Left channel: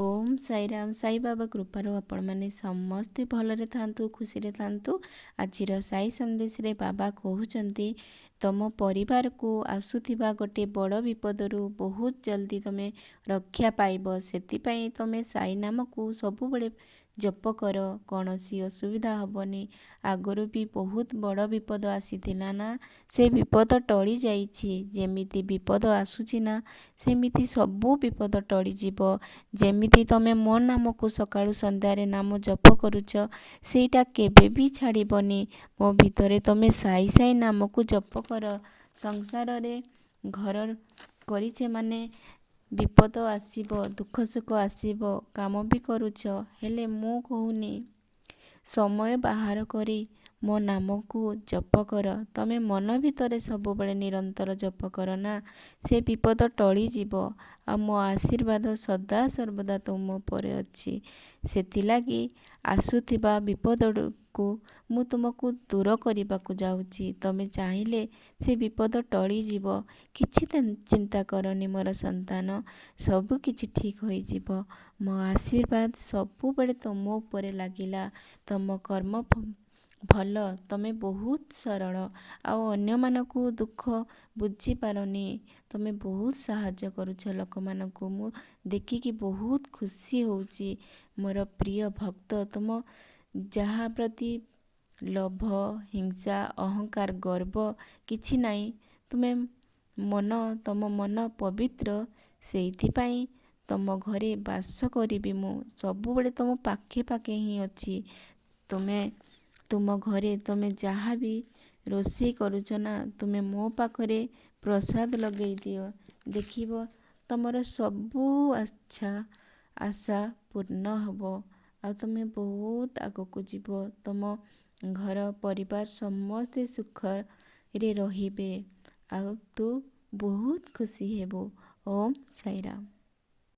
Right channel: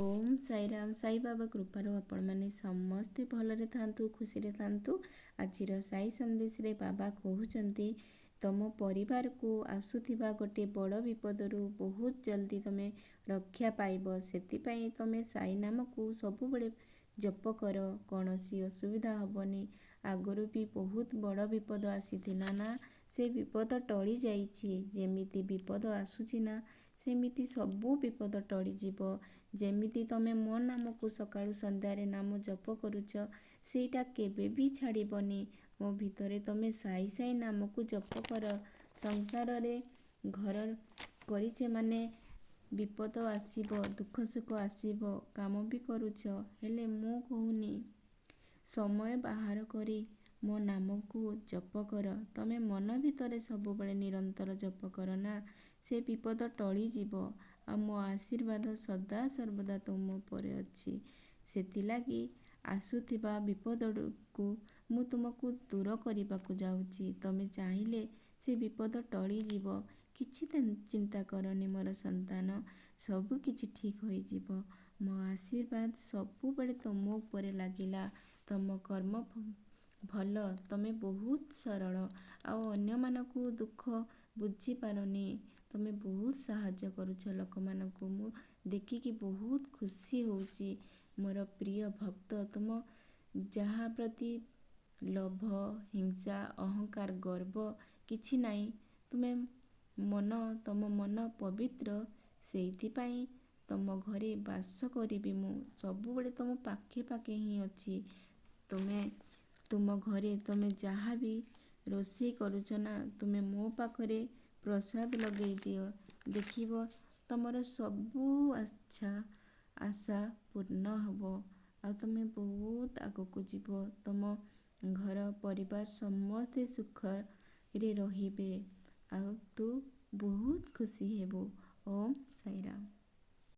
ओम साईराम साई बाबा कृपारू आपण मैंने समस्ते भलरे थांतु खुशी थांतु। आजिर साई संदेश रे बाबा कहउचंती तम परिवार को आसुथिबा गोटे बड़ विपदरू बहुत जल्दी तमे रक्षा पाइब। सेतिपई तमे साई नाम को सबुबले जप कर, कौनसी असुविधा हबनी। आगरू भी बहुत बड़ विपद आसीथिला ना, से विपद टली जाइछि। जेमिति विपद आसुछि ना सेमिति सबु विपद टली जिवो। जेमिति तमे मो नाम को सकाळु संध्यारे नाम जप करूच, सेटा केबे भी छाड़बनी। मो भितरे तमे साई साई नाम को जप कर। संसार रे घर करिछे माने विपद आसीबो, दुख सुख आसीबो, काम भी करूछ। हेले मु कहूनी समय बाहर करी मो नाम को जप कर। तमे मन भितरे सबुबले निरंतर जप कर ना, से विपद टली जिवो। आ मो आशीर्वाद सदा सर्वदा तुम परे अछि। सेतिलागी आसुथिबा विपद को मु तुमको दूर करने जाऊँगी। तमे चाहिले से विपद टली जिवो। किछि चिंता करनी मोर संतान, सब किछि ठीक होई जिवो। मो आशीर्वाद सबुबले तुम उपरे लागिला। तुम कर्म भल, तमे बहुत सरल आउ अन्य मानकु दुख बुझी पारनी। तमे बहुत साहाय्य करूछ लोक मानकु। मु देखिकी बहुत खुशी होउची। मोर प्रिय भक्त, तुम जहा प्रति लोभ, हिंसा, अहंकार, गर्व किछि नाही। तुमे तम मन पवित्र, सेइथिपाई तम घरे बास करिबि मु। सबुबले तुम पाखे पाखे ही अछि। तुम घरे तमे जहा भी रोषेई करूछ ना, तुमे मो पाखरे प्रसाद लगेई दियो। देखिबो तमर सबु आशा पूर्ण हबो। आ तुमे बहुत आगको जीवो। तुम घर परिवार समस्ते सुख रे रहिबे। आ तू बहुत खुशी हेबो। ओम साईराम।